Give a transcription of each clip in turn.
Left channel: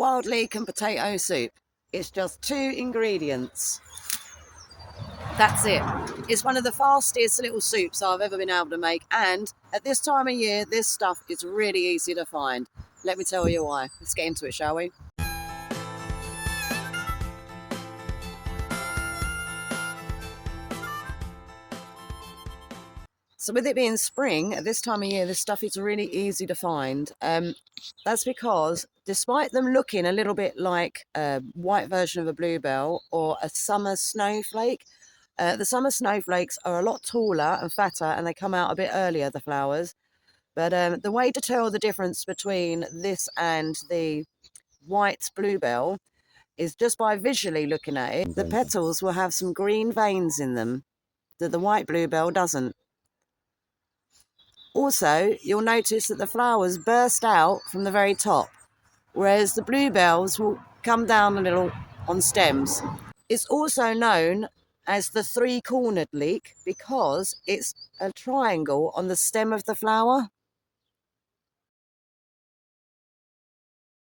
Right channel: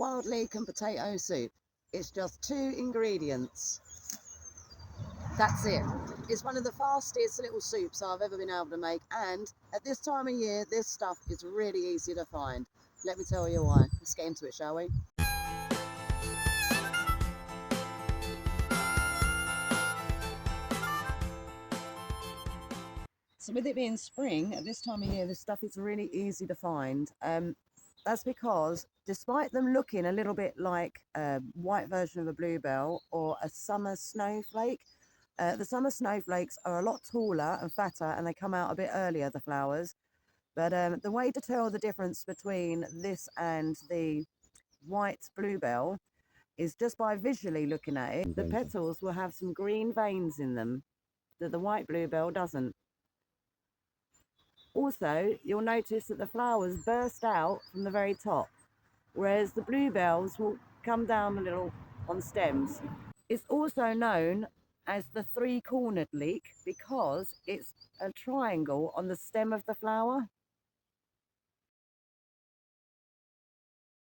wild leek and potato soup. It's just 2 ingredients. That's it. It's one of the fastest little soups I've ever been able to make, and at this time of year this stuff is really easy to find. Let me tell you why. Let's get into it, shall we? So with it being spring, at this time of year, this stuff is really easy to find. That's because despite them looking a little bit like a white version of a bluebell or a summer snowflake, the summer snowflakes are a lot taller and fatter and they come out a bit earlier, the flowers. But the way to tell the difference between this and the white bluebell is just by visually looking at it. The petals will have some green veins in them that the white bluebell doesn't. Also, you'll notice that the flowers burst out from the very top, whereas the bluebells will come down a little on stems. It's also known as the 3-cornered leek because it's a triangle on the stem of the flower.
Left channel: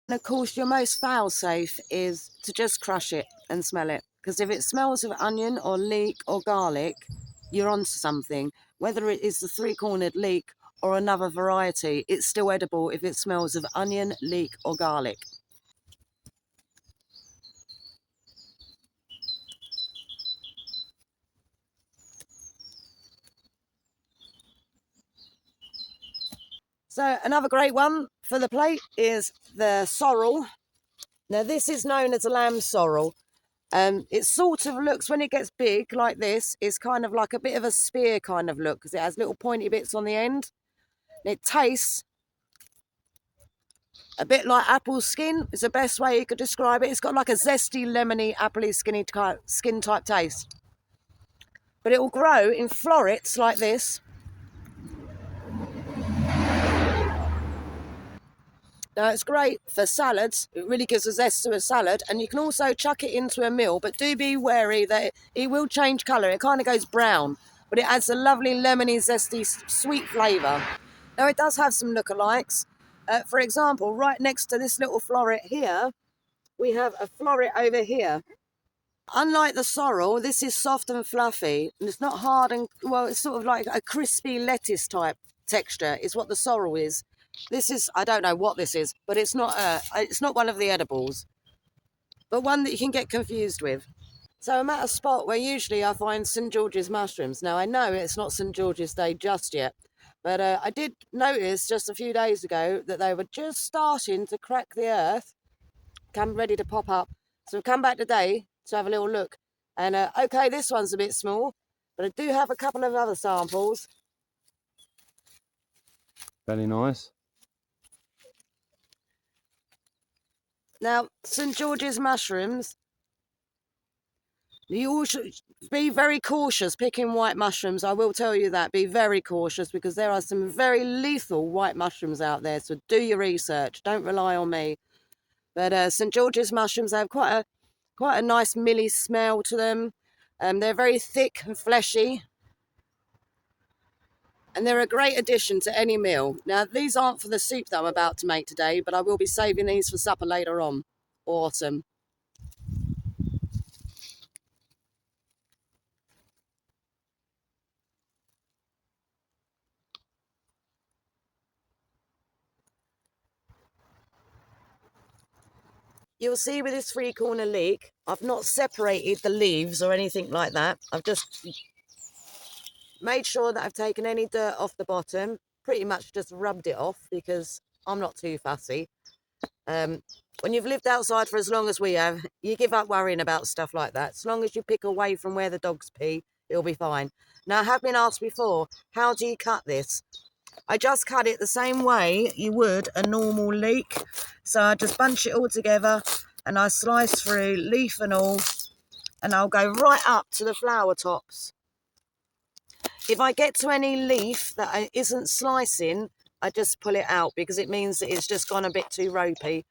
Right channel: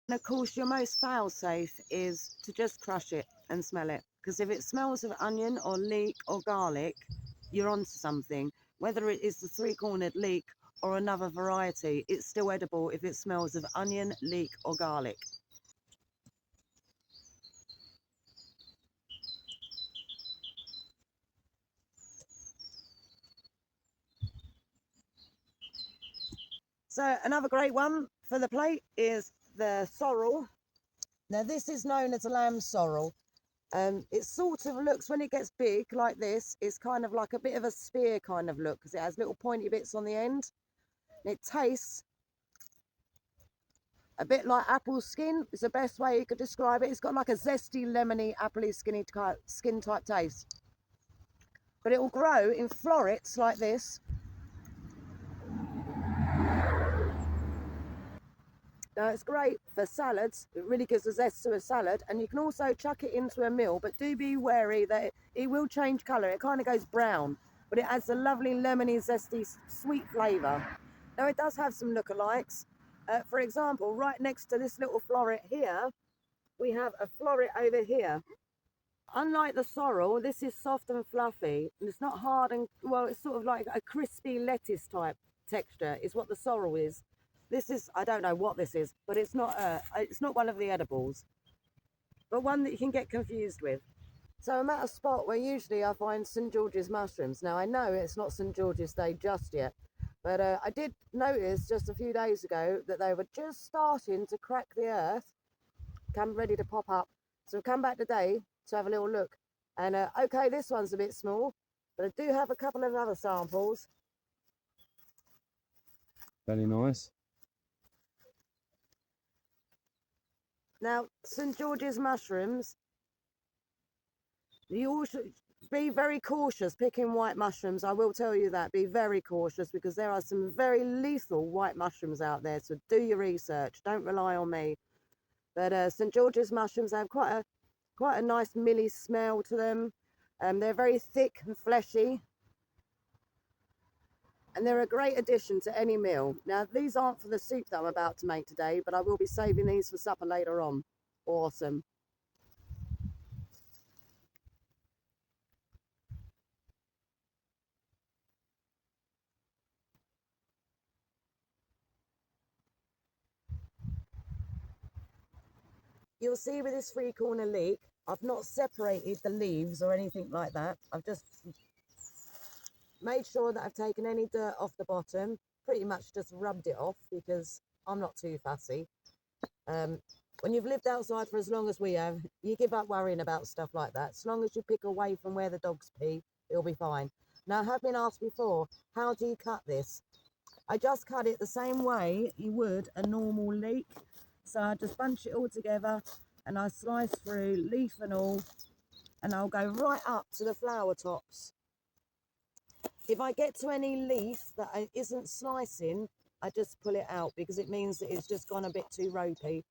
And of course, your most fail-safe is to just crush it and smell it, because if it smells of onion or leek or garlic, you're onto something. Whether it is the 3-cornered leek or another variety, it's still edible if it smells of onion, leek or garlic. So another great one for the plate is the sorrel. Now this is known as a lamb sorrel. It sort of looks, when it gets big like this, it's kind of like a bit of a spear kind of look because it has little pointy bits on the end. And it tastes a bit like apple skin is the best way you could describe it. It's got like a zesty, lemony, appley, skin type taste. But it will grow in florets like this. Now it's great for salads. It really gives a zest to a salad, and you can also chuck it into a meal, but do be wary that it will change colour. It kind of goes brown, but it adds a lovely lemony, zesty, sweet flavour. Now it does have some lookalikes. For example, right next to this little floret here, we have a floret over here. Unlike the sorrel, this is soft and fluffy, and it's not hard and, well, it's sort of like a crispy lettuce type texture is what the sorrel is. This is, I don't know what this is, but it's not one of the edibles, but one that you can get confused with. So I'm at a spot where usually I find St. George's mushrooms. Now I know it's not St. George's Day just yet, but I did notice just a few days ago that they were just starting to crack the earth, come ready to pop up. So I've come back today to have a little look. And okay, this one's a bit small, but I do have a couple of other samples. Very nice. Now, St. George's mushrooms, you all should be very cautious picking white mushrooms. I will tell you that. Be very cautious because there are some very lethal white mushrooms out there. So do your research. Don't rely on me. But St. George's mushrooms, they have quite a nice milly smell to them. They're very thick and fleshy. And they're a great addition to any meal. Now, these aren't for the soup that I'm about to make today, but I will be saving these for supper later on. Awesome. You'll see with this 3-corner leek, I've not separated the leaves or anything like that. I've just made sure that I've taken any dirt off the bottom, pretty much just rubbed it off because I'm not too fussy. When you've lived outside for as long as we have, you give up worrying about stuff like that. As long as you pick away from where the dogs pee, it'll be fine. Now, I have been asked before, how do you cut this? I just cut it the same way you would a normal leek. So I just bunch it all together and I slice through, leaf and all, and I'll go right up to the flower tops. If I get to any leaf that isn't slicing, I just pull it out because it means that it's just gone a bit too ropey.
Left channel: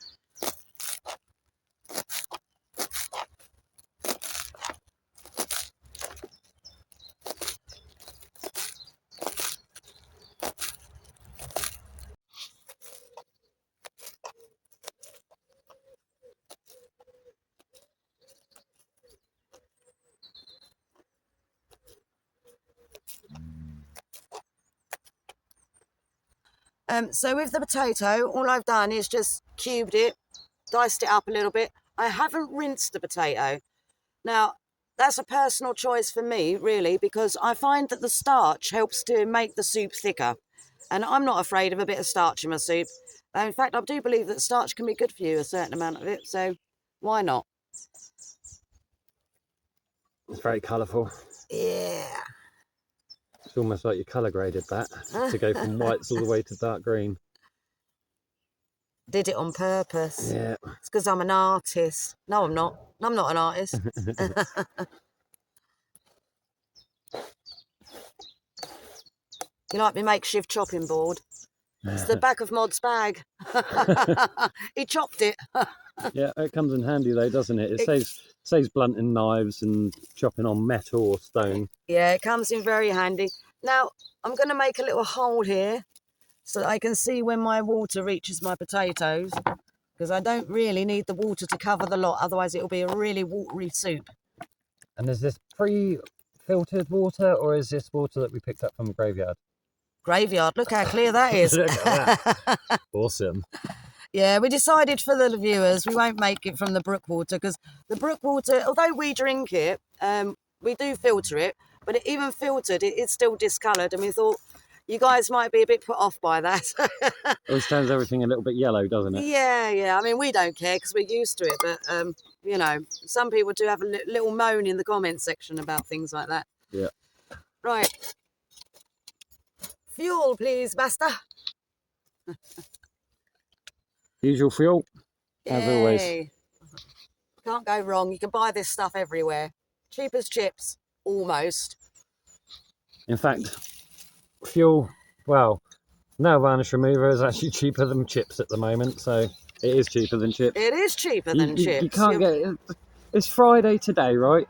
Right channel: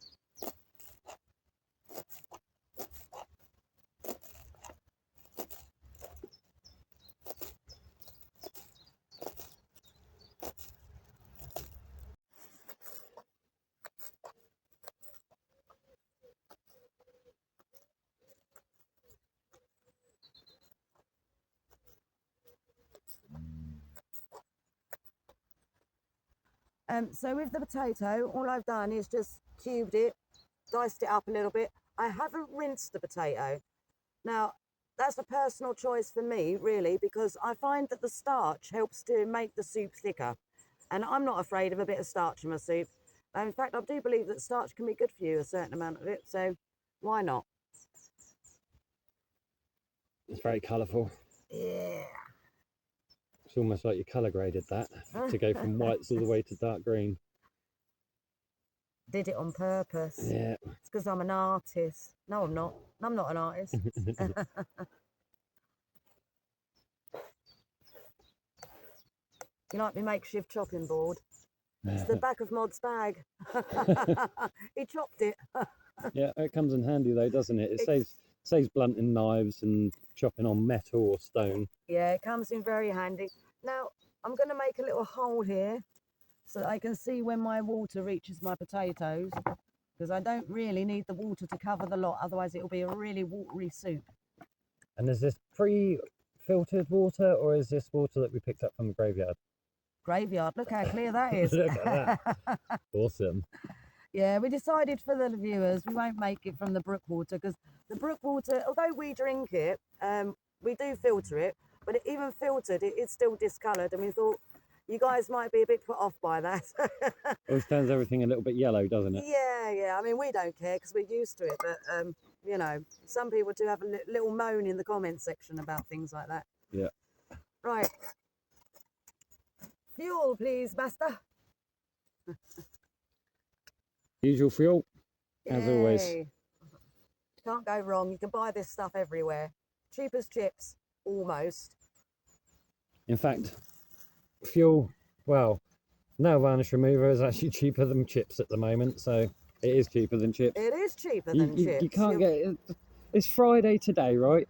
So with the potato, all I've done is just cubed it, diced it up a little bit. I haven't rinsed the potato. Now, that's a personal choice for me, really, because I find that the starch helps to make the soup thicker. And I'm not afraid of a bit of starch in my soup. In fact, I do believe that starch can be good for you, a certain amount of it, so why not? It's very colourful. Yeah. It's almost like you colour graded that to go from whites all the way to dark green. Did it on purpose. Yeah. It's because I'm an artist. No, I'm not. I'm not an artist. You like my makeshift chopping board? It's the back of Mod's bag. He chopped it. Yeah, it comes in handy though, doesn't it? It saves blunting knives and chopping on metal or stone. Yeah, it comes in very handy. Now, I'm going to make a little hole here so that I can see when my water reaches my potatoes, because I don't really need the water to cover the lot, otherwise it'll be a really watery soup. And is this pre-filtered water, or is this water that we picked up from the graveyard? Graveyard, look how clear that is. Look at that. Awesome. Yeah, we decided for the viewers we won't make it from the brook water, because the brook water, although we drink it, we do filter it, but even filtered, it's still discoloured, and we thought you guys might be a bit put off by that. It always turns everything a little bit yellow, doesn't it? Yeah. I mean, we don't care because we're used to it, but you know, some people do have a little moan in the comments section about things like that. Yeah. Right. Fuel, please, master. Usual fuel, as always. Can't go wrong. You can buy this stuff everywhere. Cheap as chips, almost. In fact, fuel, well, nail varnish remover is actually cheaper than chips at the moment, so it is cheaper than chips. It is cheaper than chips. You can't get it. It's Friday today, right?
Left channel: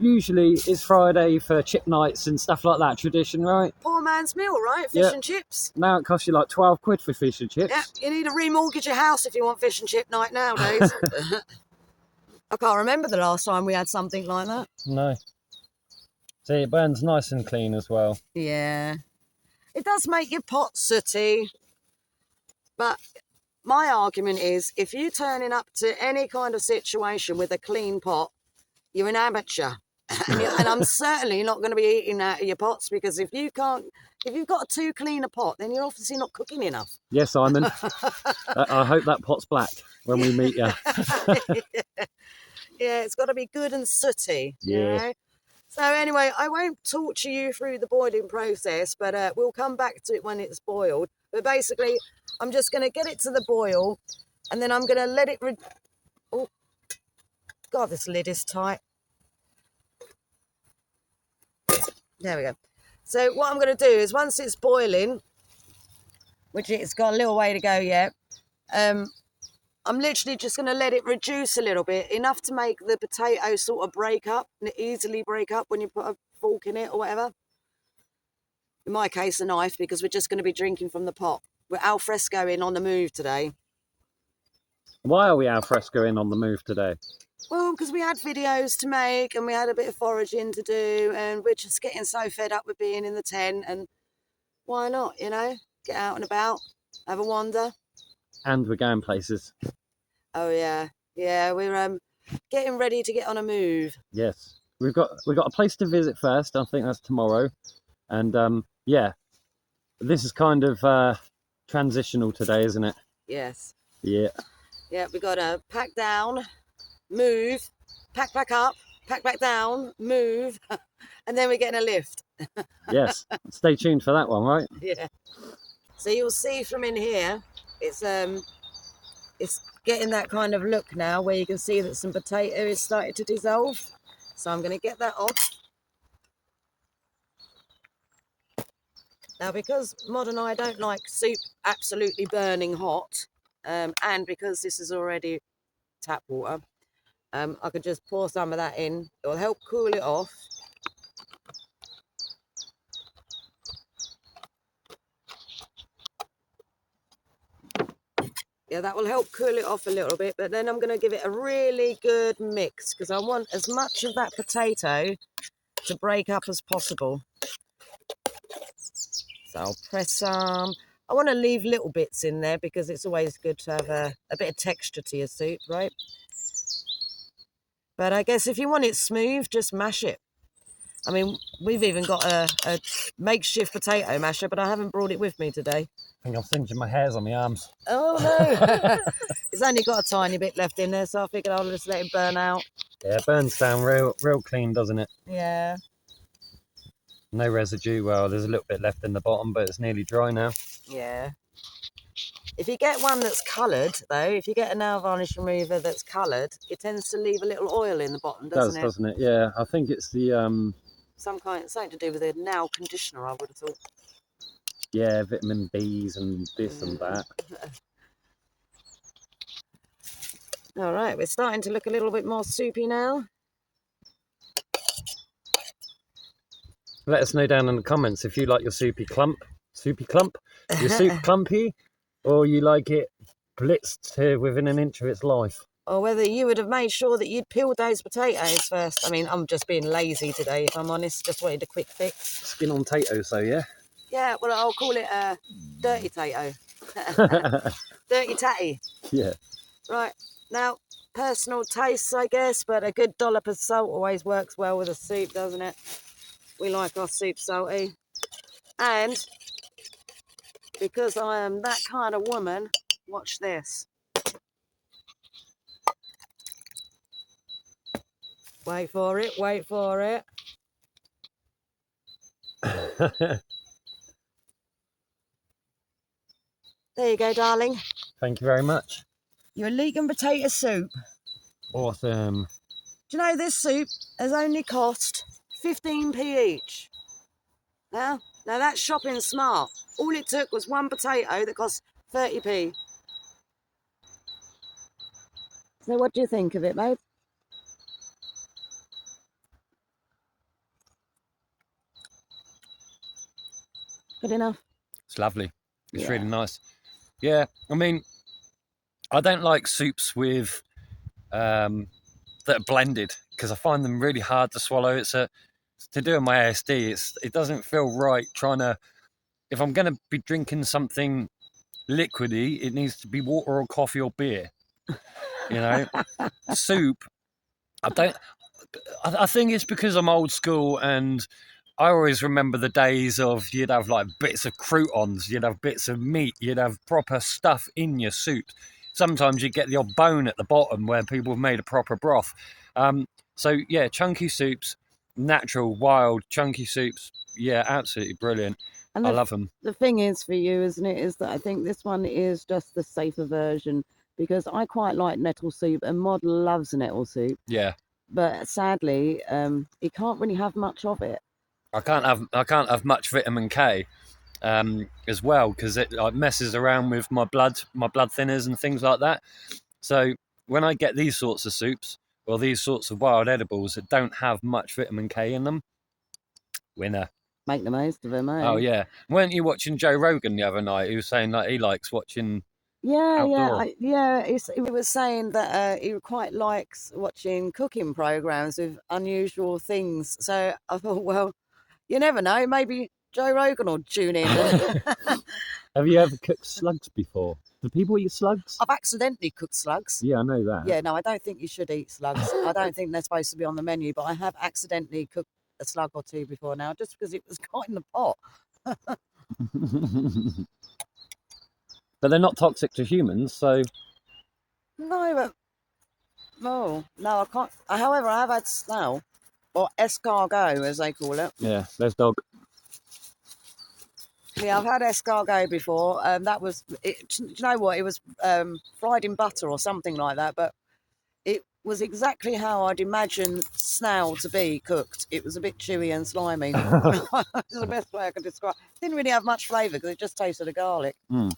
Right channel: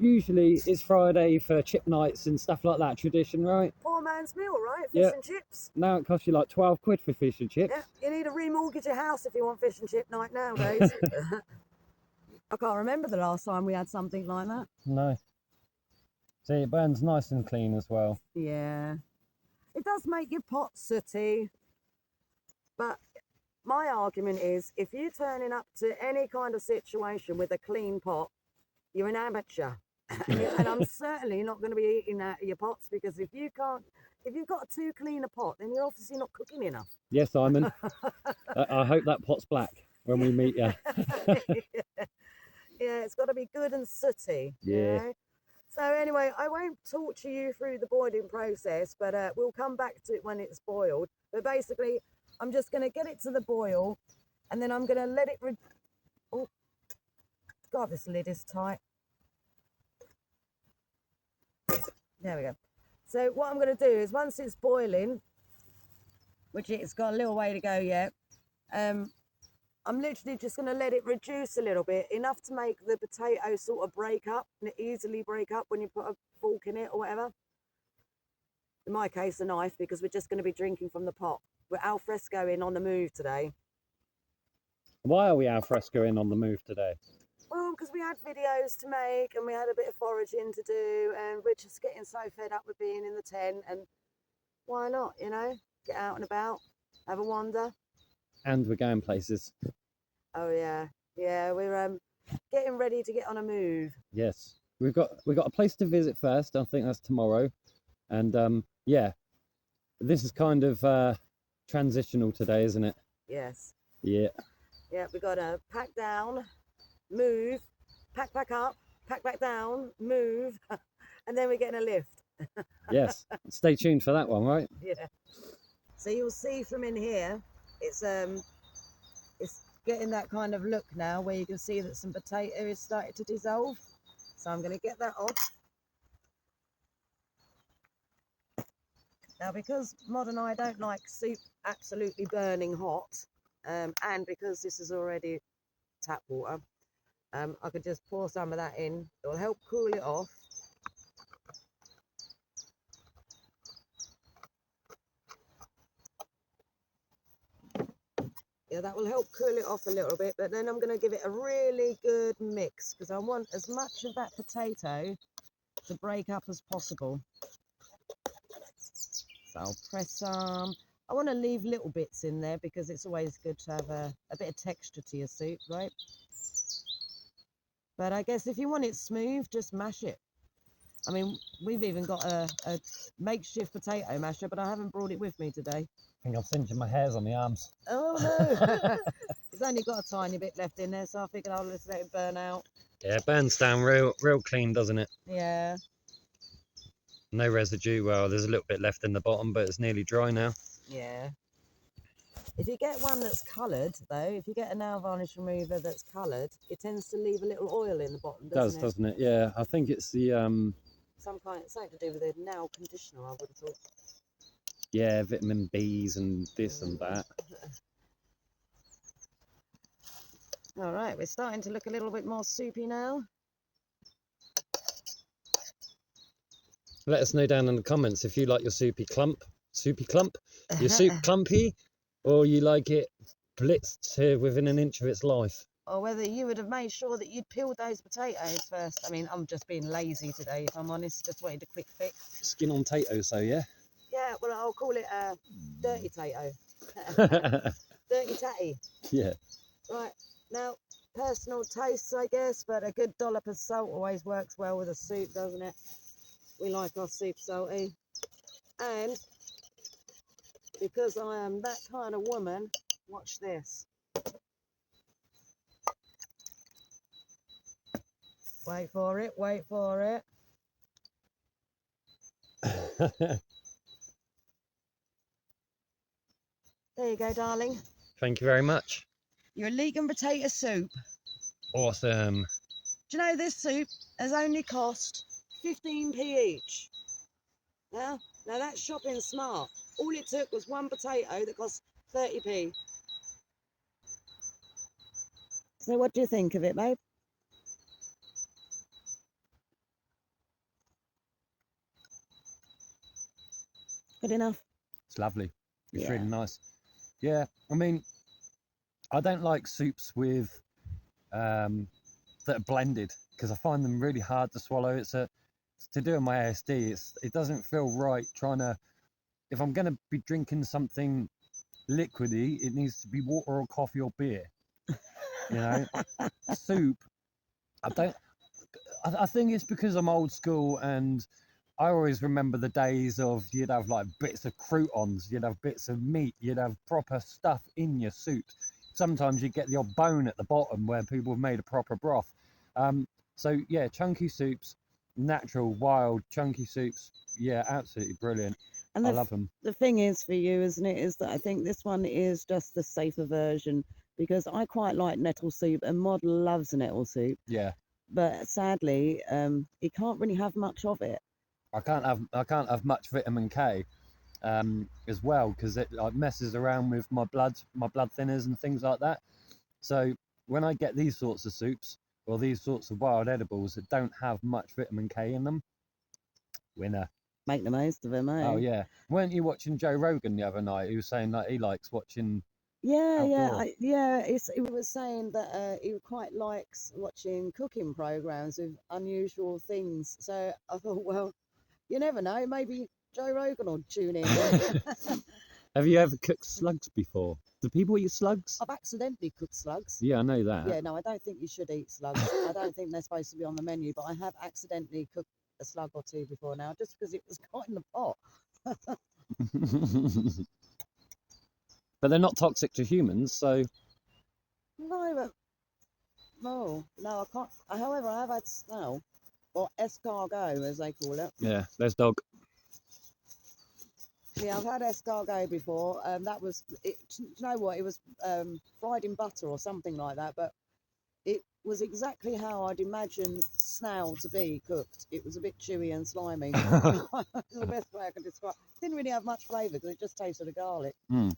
Usually it's Friday for chip nights and stuff like that, tradition, right? Poor man's meal, right? Fish and chips. Now it costs you like 12 quid for fish and chips. Yeah, you need to remortgage your house if you want fish and chip night nowadays. I can't remember the last time we had something like that. No. See, it burns nice and clean as well. Yeah. It does make your pot sooty. But my argument is, if you're turning up to any kind of situation with a clean pot, you're an amateur. And I'm certainly not going to be eating out of your pots, because if you've got too clean a pot, then you're obviously not cooking enough. Yes, Simon. I hope that pot's black when we meet you. Yeah, it's got to be good and sooty. Yeah. You know? So anyway, I won't torture you through the boiling process, but we'll come back to it when it's boiled. But basically, I'm just going to get it to the boil, and then I'm going to let it... Oh, God, this lid is tight. There we go. So what I'm going to do is, once it's boiling, which it's got a little way to go yet, I'm literally just going to let it reduce a little bit, enough to make the potato sort of break up, and easily break up when you put a fork in it or whatever. In my case, a knife, because we're just going to be drinking from the pot. We're al frescoing on the move today. Why are we al frescoing on the move today? Well, because we had videos to make, and we had a bit of foraging to do, and we're just getting so fed up with being in the tent, and why not, you know? Get out and about, have a wander. And we're going places. Oh yeah, we're getting ready to get on a move. Yes, we've got a place to visit first. I think that's tomorrow, and yeah, this is kind of transitional today, isn't it? Yes. Yeah. Yeah, we got to pack down, move, pack back up, pack back down, move, and then we're getting a lift. Yes. Stay tuned for that one, right? Yeah. So you'll see from in here, it's getting that kind of look now, where you can see that some potato is starting to dissolve. So I'm going to get that off. Now, because Mod and I don't like soup absolutely burning hot, and because this is already tap water, I could just pour some of that in. It will help cool it off. Yeah, that will help cool it off a little bit, but then I'm going to give it a really good mix, because I want as much of that potato to break up as possible. So I'll press some. I want to leave little bits in there because it's always good to have a bit of texture to your soup, right? But I guess if you want it smooth, just mash it. I mean, we've even got a makeshift potato masher, but I haven't brought it with me today. I think I'm singeing my hairs on my arms. Oh no! It's only got a tiny bit left in there, so I figured I'll just let it burn out. Yeah, it burns down real clean, doesn't it? Yeah. No residue. Well, there's a little bit left in the bottom, but it's nearly dry now. Yeah. If you get one that's coloured, though, if you get a nail varnish remover that's coloured, it tends to leave a little oil in the bottom, doesn't it? Doesn't it? Yeah, I think it's the something to do with a nail conditioner, I would have thought. yeah, vitamin B's and this and that. All right, we're starting to look a little bit more soupy now. Let us know down in the comments if you like your soupy clump, your soup clumpy, or you like it blitzed to within an inch of its life. Or whether you would have made sure that you'd peeled those potatoes first. I mean, I'm just being lazy today, if I'm honest. Just wanted a quick fix. Skin on tato, so yeah. Yeah, well, I'll call it a dirty tato. Dirty tatty. Yeah. Right, now, personal tastes, I guess, but a good dollop of salt always works well with a soup, doesn't it? We like our soup salty. And because I am that kind of woman, watch this. Wait for it, wait for it. There you go, darling. Thank you very much. Your leek and potato soup. Awesome. Do you know this soup has only cost 15p each? Now that's shopping smart. All it took was one potato that cost 30p. So what do you think of it, babe? Good enough. It's lovely. It's really nice. Yeah, I mean, I don't like soups with that are blended because I find them really hard to swallow. It's to do with my ASD. It doesn't feel right trying to. If I'm going to be drinking something liquidy, it needs to be water or coffee or beer. You know, soup. I think it's because I'm old school and I always remember the days of you'd have like bits of croutons, you'd have bits of meat, you'd have proper stuff in your soup. Sometimes you get the odd bone at the bottom where people have made a proper broth. So yeah, chunky soups, natural, wild, chunky soups. Yeah, absolutely brilliant. And I love them. The thing is for you, isn't it, is that I think this one is just the safer version because I quite like nettle soup and Mod loves nettle soup. Yeah. But sadly, he can't really have much of it. I can't have much vitamin K as well because it like messes around with my blood thinners and things like that. So when I get these sorts of soups or these sorts of wild edibles that don't have much vitamin K in them, winner. Make the most of them, eh? Oh yeah. Weren't you watching Joe Rogan the other night? He was saying that he likes watching. Outdoor. He was saying that he quite likes watching cooking programs with unusual things. So I thought, well, you never know. Maybe Joe Rogan will tune in. Have you ever cooked slugs before? Do people eat slugs? I've accidentally cooked slugs. Yeah, I know that. Yeah, no, I don't think you should eat slugs. I don't think they're supposed to be on the menu, but I have accidentally cooked a slug or two before now, just because it was caught in the pot. But they're not toxic to humans, so. No, no, I can't. However, I have had snail, or escargot, as they call it. Yeah, there's dog. Yeah, I've had escargot before. That was, do you know what? It was fried in butter or something like that, but it was exactly how I'd imagine snail to be cooked. It was a bit chewy and slimy. That's the best way I can describe it. Didn't really have much flavour because it just tasted of garlic. Mm.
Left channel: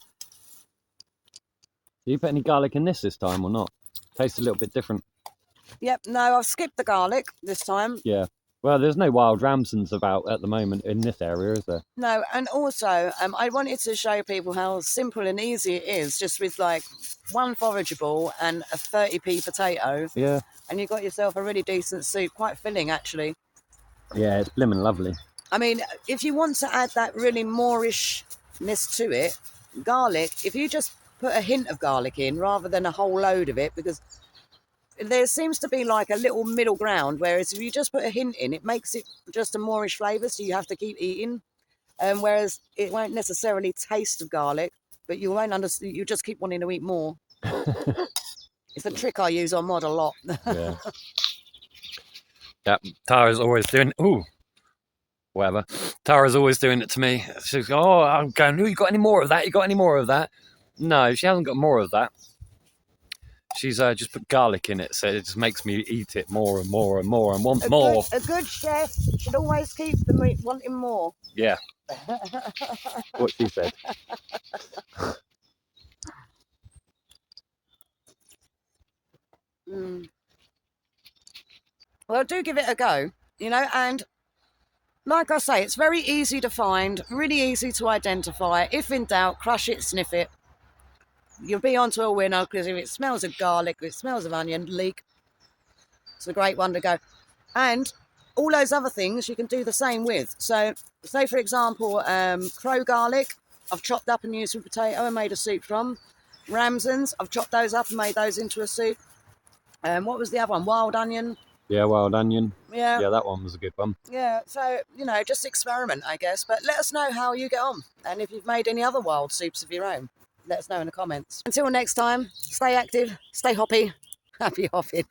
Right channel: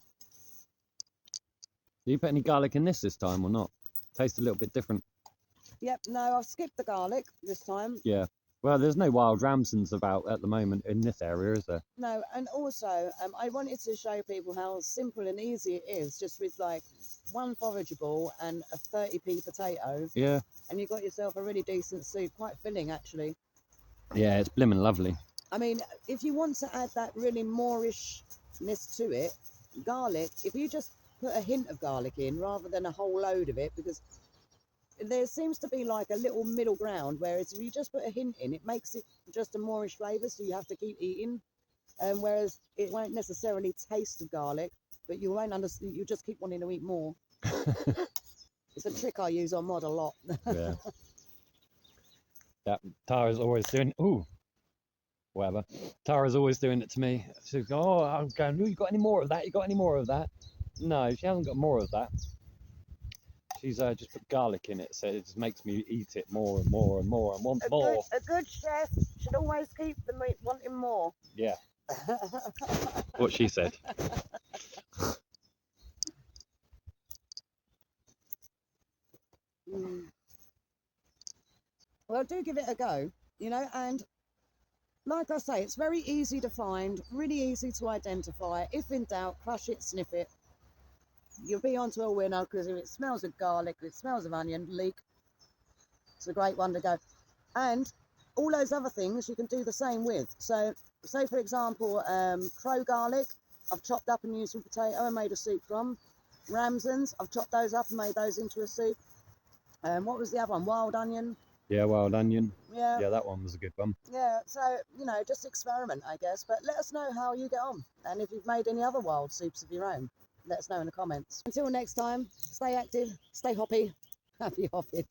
Do you put any garlic in this time or not? Tastes a little bit different. Yep, no, I've skipped the garlic this time. Yeah. Well, there's no wild ramsons about at the moment in this area, is there? No, and also I wanted to show people how simple and easy it is, just with like one forageable and a 30p potato. Yeah. And you got yourself a really decent soup, quite filling actually. Yeah, it's blimmin' lovely. I mean, if you want to add that really Moorishness to it, garlic, if you just put a hint of garlic in rather than a whole load of it, because there seems to be like a little middle ground, whereas if you just put a hint in, it makes it just a moreish flavour, so you have to keep eating. Whereas it won't necessarily taste of garlic, but you won't understand. You just keep wanting to eat more. It's a trick I use on Mod a lot. Yeah. Yeah, Tara's always doing. Ooh, whatever. Tara's always doing it to me. She's going, "Oh, I'm going. Oh, you got any more of that? You got any more of that?" No, she hasn't got more of that. She's just put garlic in it, so it just makes me eat it more and more and more and want more. A good chef should always keep the meat wanting more. Yeah. What she said. Well, do give it a go, you know, and like I say, it's very easy to find, really easy to identify. If in doubt, crush it, sniff it. You'll be onto a winner, because if it smells of garlic, if it smells of onion, leek, it's a great one to go. And all those other things you can do the same with. So, say for example, crow garlic, I've chopped up and used with potato and made a soup from. Ramsons, I've chopped those up and made those into a soup. What was the other one? Wild onion. Yeah, wild onion. Yeah. Yeah, that one was a good one. Yeah, so, you know, just experiment, I guess. But let us know how you get on. And if you've made any other wild soups of your own, let us know in the comments. Until next time, stay active, stay hoppy, happy hopping.